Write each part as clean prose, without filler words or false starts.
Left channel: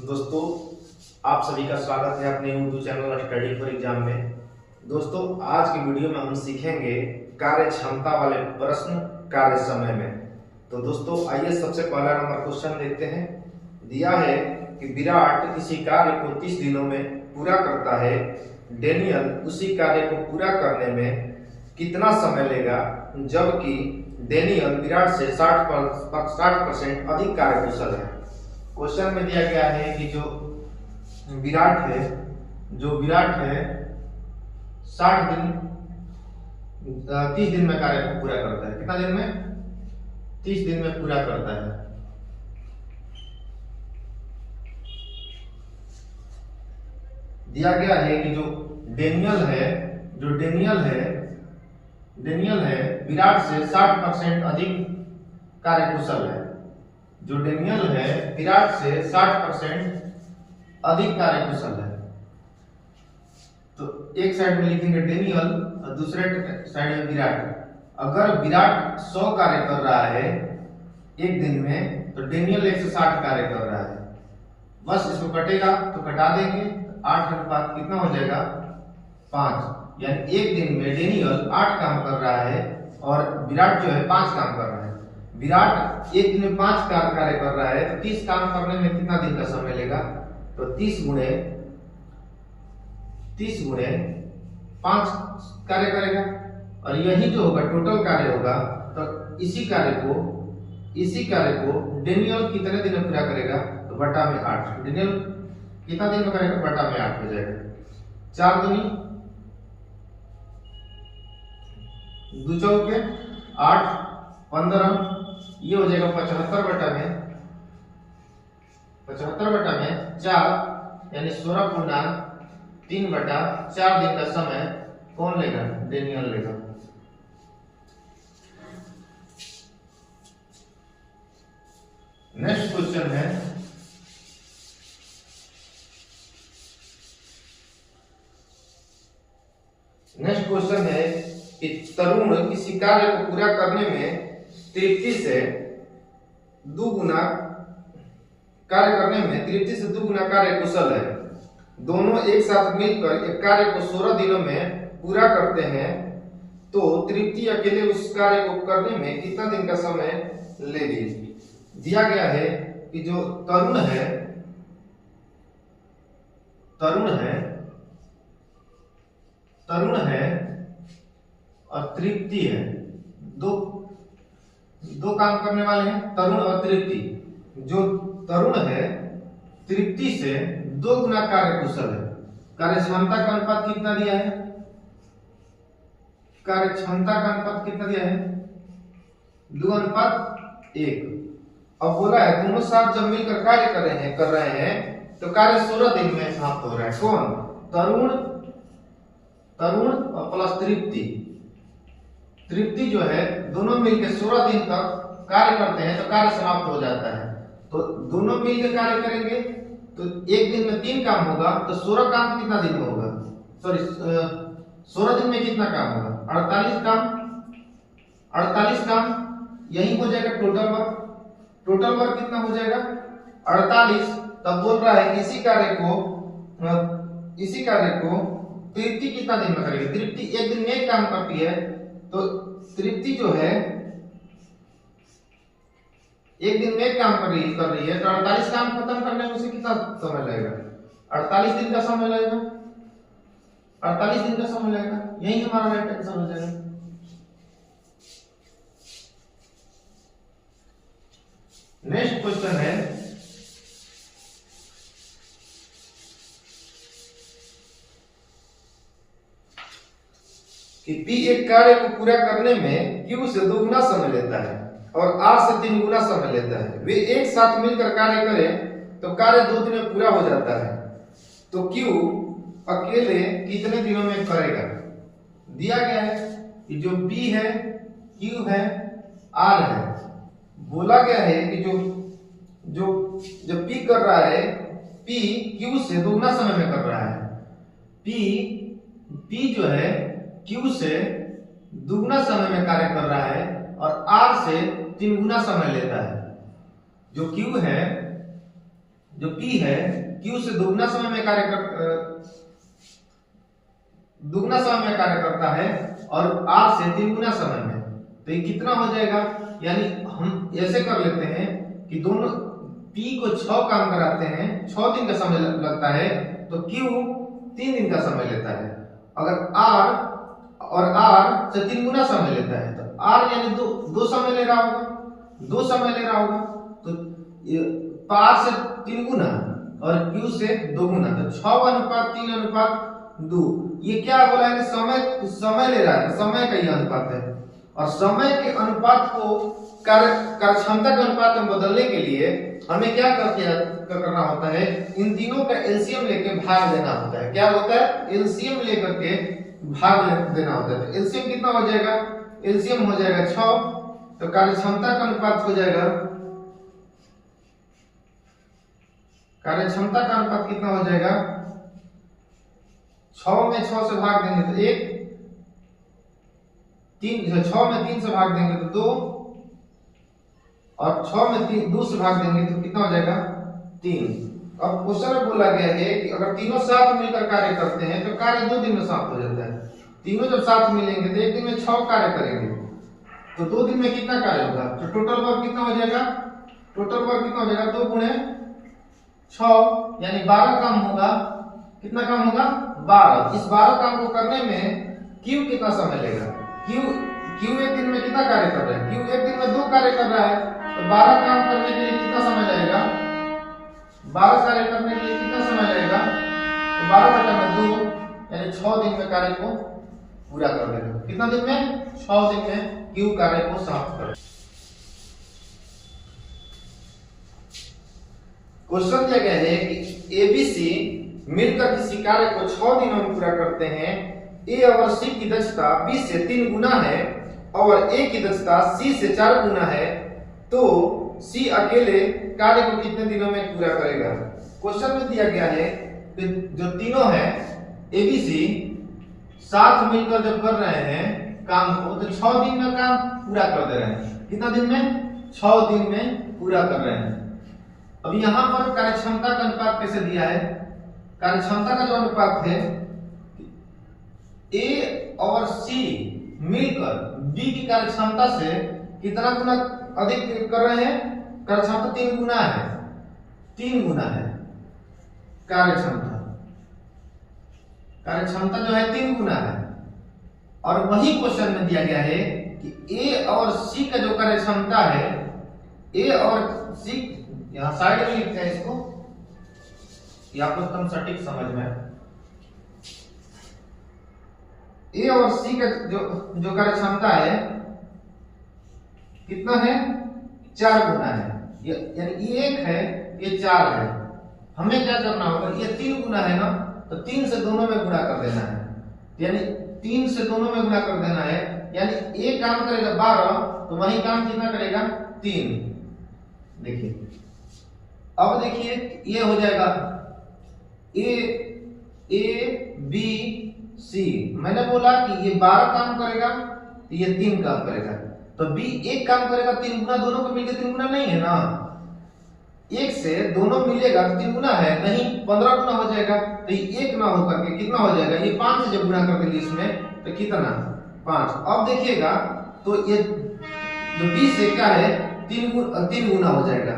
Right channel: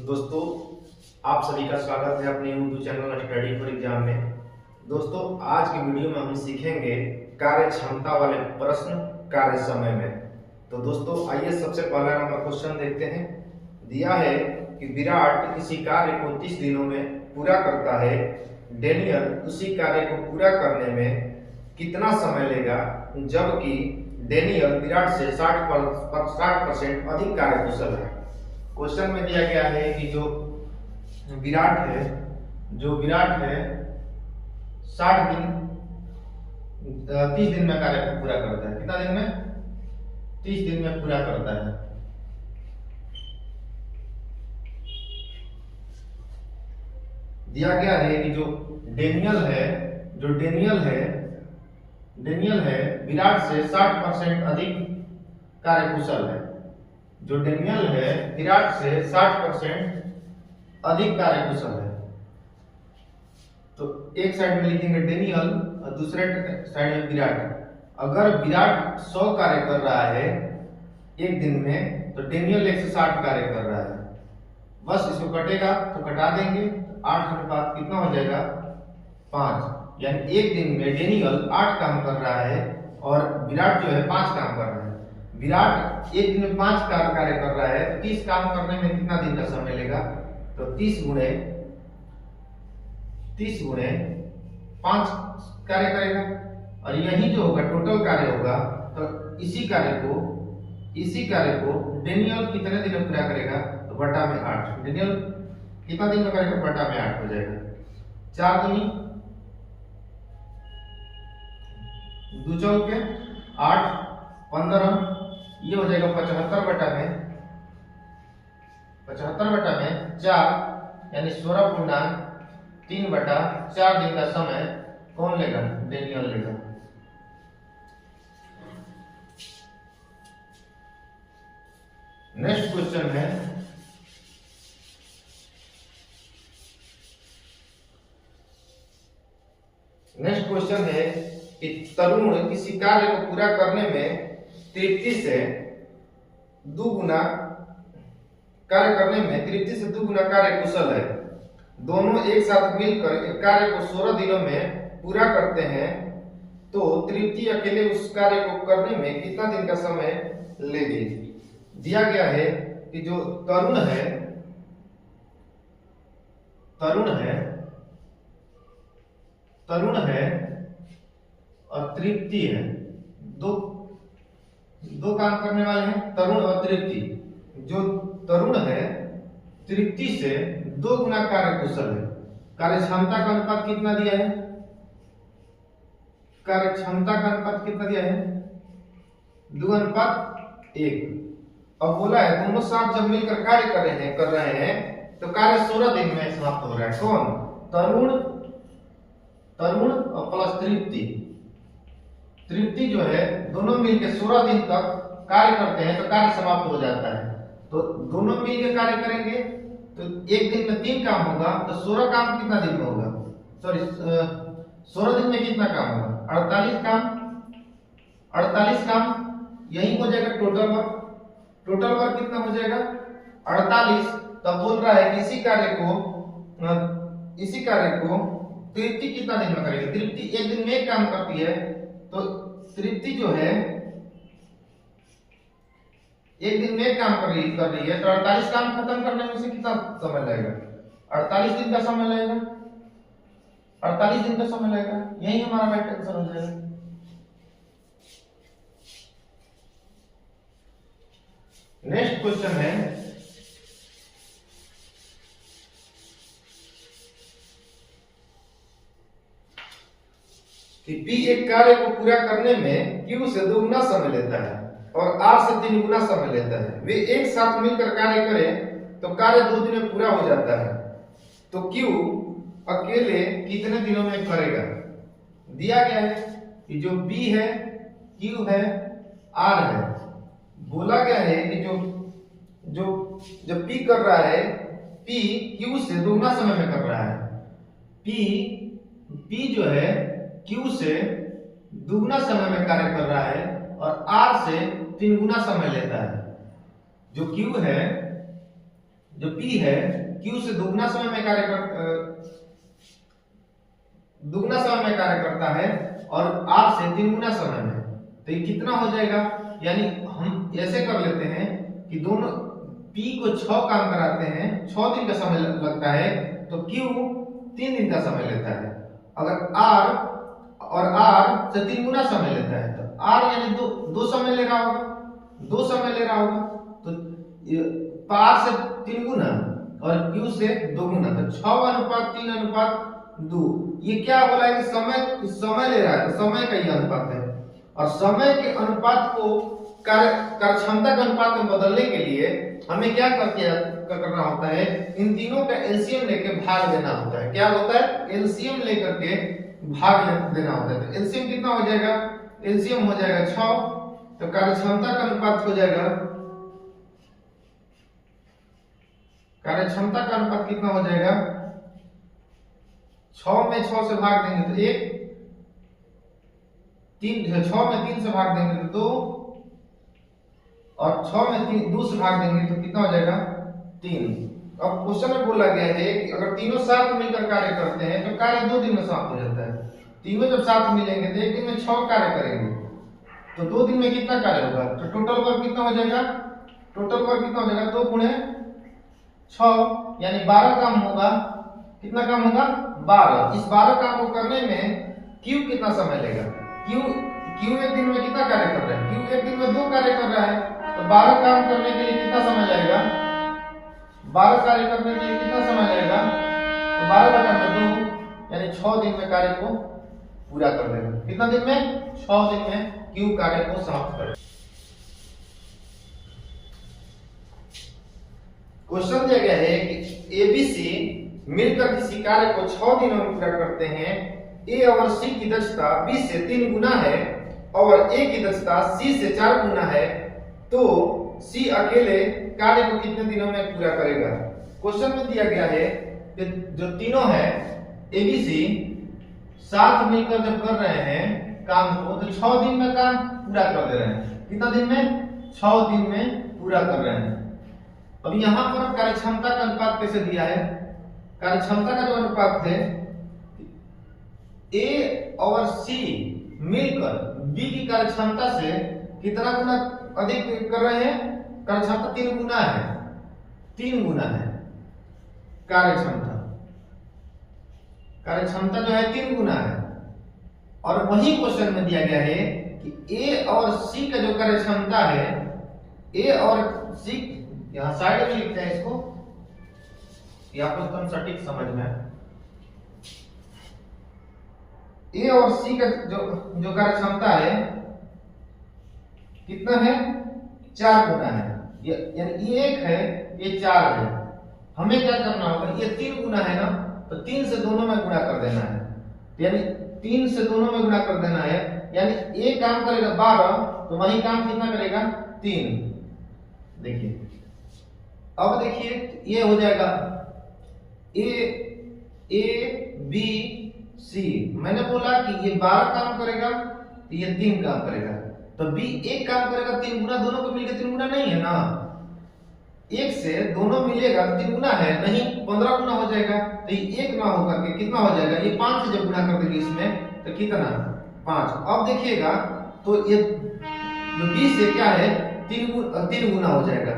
दोस्तों, आप सभी का स्वागत है अपने YouTube channel study for exam में। दोस्तों, आज की वीडियो में हम सीखेंगे कार्य क्षमता वाले प्रश्न कार्य समय में। तो दोस्तों, आइए सबसे पहला नंबर क्वेश्चन देखते हैं। दिया है कि विराट किसी कार्य को 30 दिनों में पूरा करता है। डेनियल उसी कार्य को पूरा करने में कितना समय लेगा, जबकि डेनियल विराट से 60% अधिक कार्यकुशल है। क्वेश्चन में दिया गया है कि जो विराट है 30 दिन में कार्य को पूरा करता है। कितना दिन में? 30 दिन में पूरा करता है। दिया गया है कि जो डेनियल है विराट से 60% अधिक कार्यकुशल है। जो डेनियल है विराट से 60% अधिक कार्यकुशल है। तो एक साइड में लिखेंगे डेनियल और दूसरे साइड में विराट। अगर विराट 100 कार्य कर रहा है एक दिन में, तो डेनियल 160 कार्य कर रहा है। बस इसको कटेगा तो कटा देंगे, 8 अनुपात कितना हो जाएगा? 5। यानी एक दिन में डेनियल 8 काम कर रहा है और विराट जो है 5 काम कर रहा है। विराट एक दिन में 5 कार्य कर रहा है, तो 30 काम करने में कितना दिन का समय लेगा? तो 30 गुणे 5 कार्य करेगा, और यही जो होगा टोटल कार्य होगा। तो इसी कार्य को डेनियल कितने दिन में पूरा करेगा? तो बटा में 8। डेनियल कितना दिन में करेगा? बटा में 8 हो जाएगा। 4 दूनी 2 चौके 8, 15, ये हो जाएगा 75 बटा में 4, यानी 16/3 बटा 4 दिन का समय कौन लेगा? डेनियल लेगा। नेक्स्ट क्वेश्चन है, कि तरुण किसी कार्य को पूरा करने में तृप्ति से 2 गुना कार्य कुशल है। दोनों एक साथ मिलकर एक कार्य को 16 दिनों में पूरा करते हैं, तो तृप्ति अकेले उस कार्य को करने में कितना दिन का समय लेगी? दिया गया है कि जो तरुण है और तृप्ति है, दो काम करने वाले हैं, तरुण और तृप्ति। जो तरुण है तृप्ति से 2 गुना कार्य कुशल है। कार्य क्षमता का अनुपात कितना दिया है? 2:1। अब बोला है दोनों साथ जब मिलकर कार्य कर रहे हैं तो कार्य 16 दिन में समाप्त हो रहा है। कौन? तरुण और प्लस तृप्ति जो है दोनों मिलकर 16 दिन तक कार्य करते हैं, तो कार्य समाप्त हो जाता है। तो दोनों मिलकर कार्य करेंगे तो एक दिन में 3 काम होगा, तो 16 काम कितना दिन में होगा? 16 दिन में कितना काम होगा? 48 काम यही हो जाएगा टोटल वर्क कितना हो जाएगा? 48। तब बोल रहा है कि इसी कार्य को तृप्ति कितना दिन में करेगी? तृप्ति एक दिन में 1 काम करती है, तो तृप्ति जो है एक दिन में 1 काम कर रही है, तो 48 काम खत्म करने में उसे कितना समय लगेगा? 48 दिन का समय लगेगा। यही हमारा राइट आंसर हो जाएगा। नेक्स्ट क्वेश्चन है, कि P एक कार्य को पूरा करने में Q से 2 गुना समय लेता है और R से 3 गुना समय लेता है। वे एक साथ मिलकर कार्य करें तो कार्य 2 दिन में पूरा हो जाता है, तो Q अकेले कितने दिनों में करेगा? दिया गया है कि जो P है, Q है, R है। बोला गया है कि जो P कर रहा है, P Q से 2 गुना समय में कर रहा है। P जो है Q से 2 गुना समय में कार्य कर रहा है और R से 3 गुना समय लेता है। जो Q है जो P है Q से दुगना समय में कार्य करता है और R से 3 गुना समय में। तो ये कितना हो जाएगा, यानी हम ऐसे कर लेते हैं कि दोनों P को 6 काम कराते हैं, 6 दिन का समय लगता है, तो Q 3 दिन का समय लेता है। अगर R से 3 गुना समय लेता है तो R यानी दो समय ले रहा होगा, तो R से 3 गुना और Q से 2 गुना, तो 6:3:2। ये क्या बोला है कि समय ले रहा है, समय का ये अनुपात है। और समय के अनुपात को कार्यक्षमता के अनुपात में बदलने के लिए हमें क्या करना होता है, इन तीनों का एलसीएम लेके भाग देना होता है। क्या होता है, एलसीएम लेकर के भाग देना होता है। तो एलसीएम कितना हो जाएगा, एलसीएम हो जाएगा 6, तो कार्यक्षमता का अनुपात हो जाएगा, कार्यक्षमता का अनुपात कितना हो जाएगा, 6 में 6 से भाग देंगे तो 1, 6 में 3 से भाग देंगे तो 2, और 6 में 2 से भाग देंगे तो कितना हो जाएगा, 3। अब क्वेश्चन में बोला गया है कि अगर तीनों साथ मिलकर कार्य करते हैं तो कार्य 2 दिन में समाप्त हो जाता है। तीनों जब साथ मिलेंगे तो एक दिन में 6 कार्य करेंगे, तो 2 दिन में कितना कार्य होगा, तो टोटल वर्क कितना हो जाएगा, 2 गुणे 6 यानी 12 काम होगा। कितना काम होगा, 12। इस 12 काम को करने में Q कितना समय लेगा, Q एक दिन में कितना कार्य कर रहा है, Q एक दिन में 2 कार्य कर रहा है, तो 12 काम करने के लिए कितना समय लगेगा, 12 कार्य करने के लिए कितना समय लगेगा, तो 12/2 यानी 6 दिन में कार्य को पूरा कर देगा। कितना दिन में, 6 दिन में Q कार्य को समाप्त करेगा। क्वेश्चन दिया गया है कि ABC मिलकर किसी कार्य को 6 दिनों में पूरा करते हैं। A और C की दक्षता B से 3 गुना है और A की दक्षता C से 4 गुना है, तो C अकेले कार्य को कितने दिनों में पूरा करेगा। क्वेश्चन में दिया गया है कि जो तीनों है ABC साथ मिलकर जब कर रहे हैं काम को, तो 6 दिन में काम पूरा कर दे रहे हैं। कितना दिन में, 6 दिन में पूरा कर रहे हैं। अब यहाँ पर कार्यक्षमता का अनुपात कैसे दिया है, कार्यक्षमता का जो अनुपात है, A और C मिलकर B की कार्यक्षमता से कितना गुना अधिक कर रहे हैं, कार्यक्षमता 3 गुना है, 3 गुना है कार्यक्षमता जो है 3 गुना है। और वही क्वेश्चन में दिया गया है कि A और C का जो कार्यक्षमता है, A और C, यहां साइड में लिखते हैं इसको, ये आपको एकदम सटीक समझ में। A और C का जो कार्यक्षमता है कितना है, 4 गुना है, यानी ये 1 है, ये 4 है। हमें क्या करना होगा, ये 3 गुना है ना, तो 3 से दोनों में गुणा कर देना है, तो यानी 3 से दोनों में गुणा कर देना है, यानी एक काम करेगा 12, तो वही काम कितना करेगा, 3। देखिए, अब देखिए ये हो जाएगा A B C। मैंने बोला कि ये 12 काम करेगा तो ये 3 काम करेगा, तो B 1 काम करेगा 3 गुना, दोनों को मिलकर 3 गुना नहीं है ना, 1 से दोनों मिलेगा तो 3 गुना है नहीं, 15 गुना हो जाएगा। तो ये 1 ना होकर के कितना हो जाएगा, ये 5 से जब गुना कर देंगे इसमें तो कितना, 5। अब देखिएगा तो ये जो B से क्या है, 3 गुना हो जाएगा।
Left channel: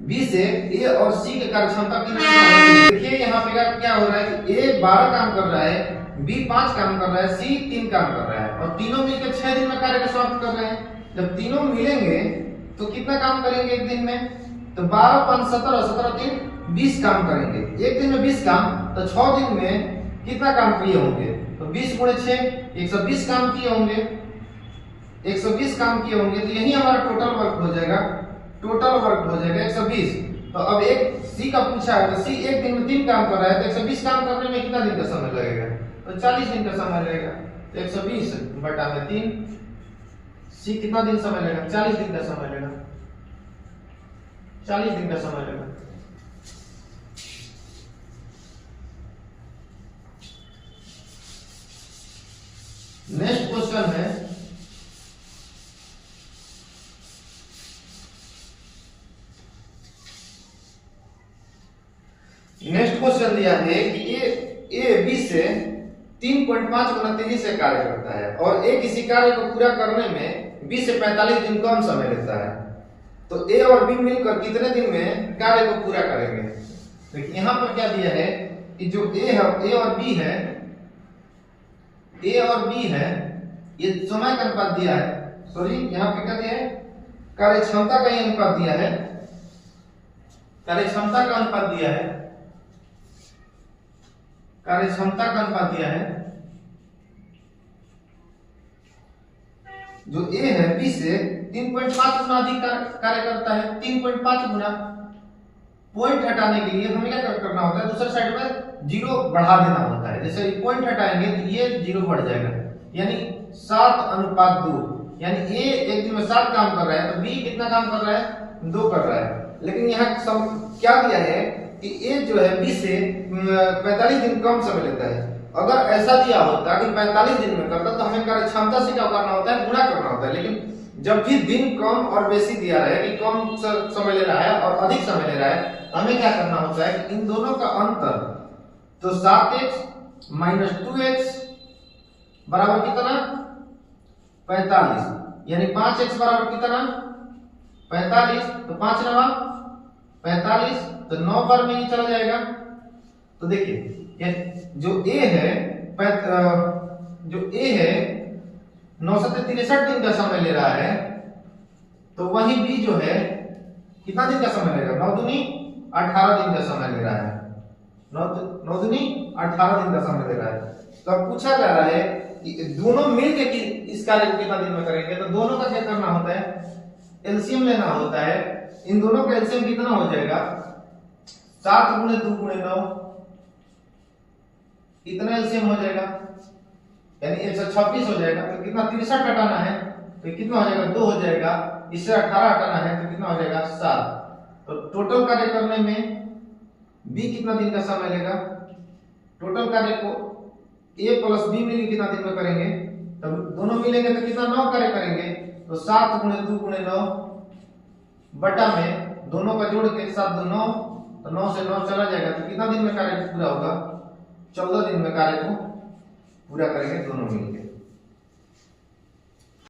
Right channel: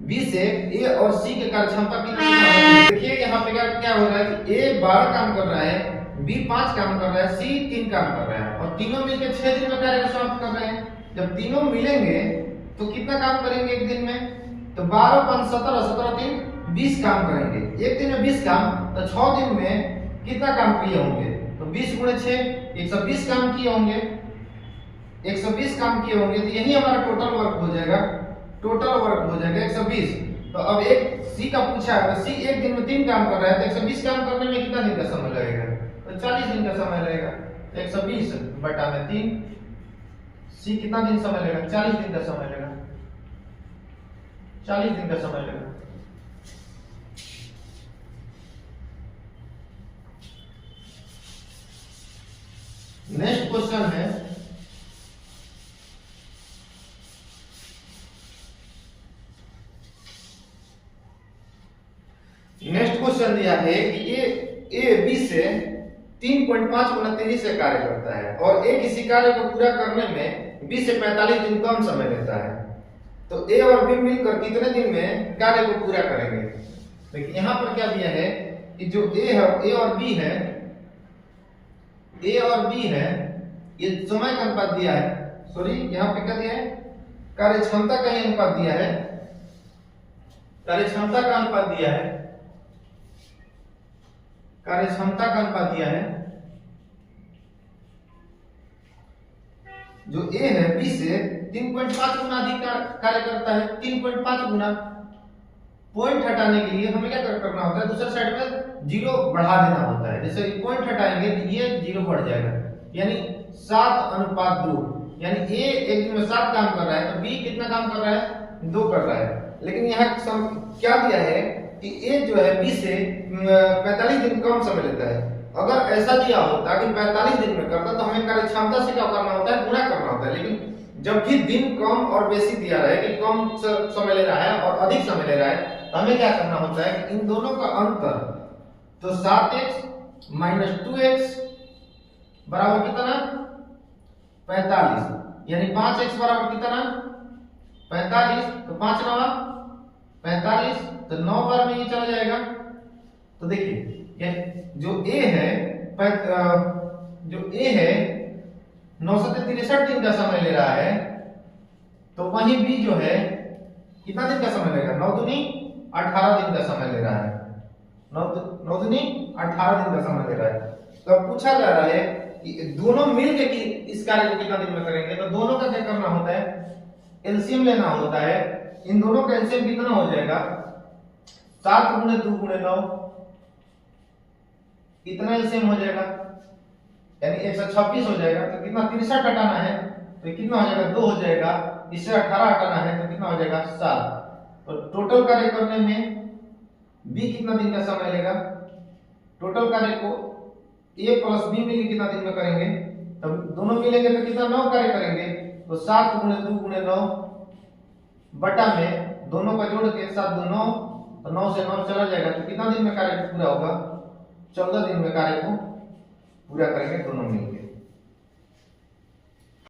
B से A और C के कार्यक्षमता कितना है, देखिए यहाँ पे क्या हो रहा है कि A 12 काम कर रहा है, B 5 काम कर रहा है, C 3 काम कर रहा है, और तीनों मिलकर 6 दिन में कार्य को समाप्त कर रहे हैं। जब तीनों मिलेंगे तो कितना काम करेंगे एक दिन में, तो 12 5 17 और 17 3 20 काम करेंगे। एक दिन में 20 काम, तो 6 दिन में कितना काम किए होंगे, तो 20 गुणे 6 120 काम किए होंगे, 120 काम किए होंगे, तो यही हमारा टोटल वर्क हो जाएगा, 120। तो अब एक C का पूछा है, तो C एक दिन में 3 काम कर रहा है, तो 120 काम करने में कितना दिन का समय लगेगा, तो 40 दिन का समय लगेगा। तो 120/3, C कितना दिन समय लगेगा, 40 दिन का समय लगेगा, 40 दिन का समय लगेगा। नेक्स्ट क्वेश्चन है, नेक्स्ट क्वेश्चन दिया है कि ए बी से 3.5 गुना तेजी से कार्य करता है और ए किसी कार्य को पूरा करने में बी से 45 दिन कम समय लेता है, तो ए और बी मिलकर कितने दिन में कार्य को पूरा करेंगे। देखिए यहाँ पर क्या दिया है कि जो ए और बी है, ए और बी है, ये समय का अनुपात दिया है, सॉरी यहाँ पे क्या दिया है, कार्य क्षमता का ही अनुपात दिया है, कार्य क्षमता का अनुपात दिया है, कार्य क्षमता का अनुपात दिया है। जो ए है बी से 3.5 गुना अधिक कार्य करता है। 3.5 गुना, पॉइंट हटाने के लिए हमें क्या करना होता है, दूसरे साइड में जीरो बढ़ा देना होता है। जैसे पॉइंट हटाएंगे तो ये जीरो बढ़ जाएगा, यानी 7:2। यानी ए एक दिन में 7 काम कर रहा है तो बी कितना काम कर रहा है, 2 कर रहा है। लेकिन यहाँ क्या दिया है कि ए जो है बी से 45 दिन कम समय लेता है। अगर ऐसा दिया होता कि 45 दिन में करता तो हमें कार्य क्षमता से क्या करना होता है, गुणा करना होता है। लेकिन जब भी दिन कम और बेसी दिया रहे कि कम समय ले रहा है और अधिक समय ले रहा है, तो हमें क्या करना होता है कि इन दोनों का अंतर, तो 7x - 2x बराबर कितना, 45। यानी 5x बराबर कितना, 45। तो 5 9 45, तो 9 बार में ये चला जाएगा। तो देखिए जो ए है, जो ए है 963 दिन का समय ले रहा है, तो वही बी जो है कितना दिन का समय लेगा, 9 दूनी 18 दिन का समय ले रहा है। 9 दूनी 18 दिन का समय ले रहा है। तो अब पूछा जा रहा है कि दोनों मिलके इस कार्य को कितना दिन में करेंगे, तो दोनों का क्या करना होता है, एलसीएम लेना होता है। इन दोनों का एलसीएम कितना हो जाएगा, 7 × 2 × 9, इतना एलसीएम हो जाएगा, यानी 126 हो जाएगा। तो कितना 63 हटाना है तो कितना हो जाएगा, 2 हो जाएगा। इससे 18 हटाना है तो कितना हो जाएगा, 7। तो टोटल कार्य करने में बी कितना दिन का समय लेगा, टोटल कार्य को ए प्लस बी मिली कितना दिन में करेंगे, तब दोनों मिलेंगे तो कितना 9 कार्य करेंगे। तो 7 × 2 × 9 बटा में दोनों का जोड़ के 7 2 9, तो 9 से 9 चला जाएगा। तो कितना दिन में कार्य पूरा होगा, 14 दिन में कार्य को पूरा करेंगे दोनों मिलकर।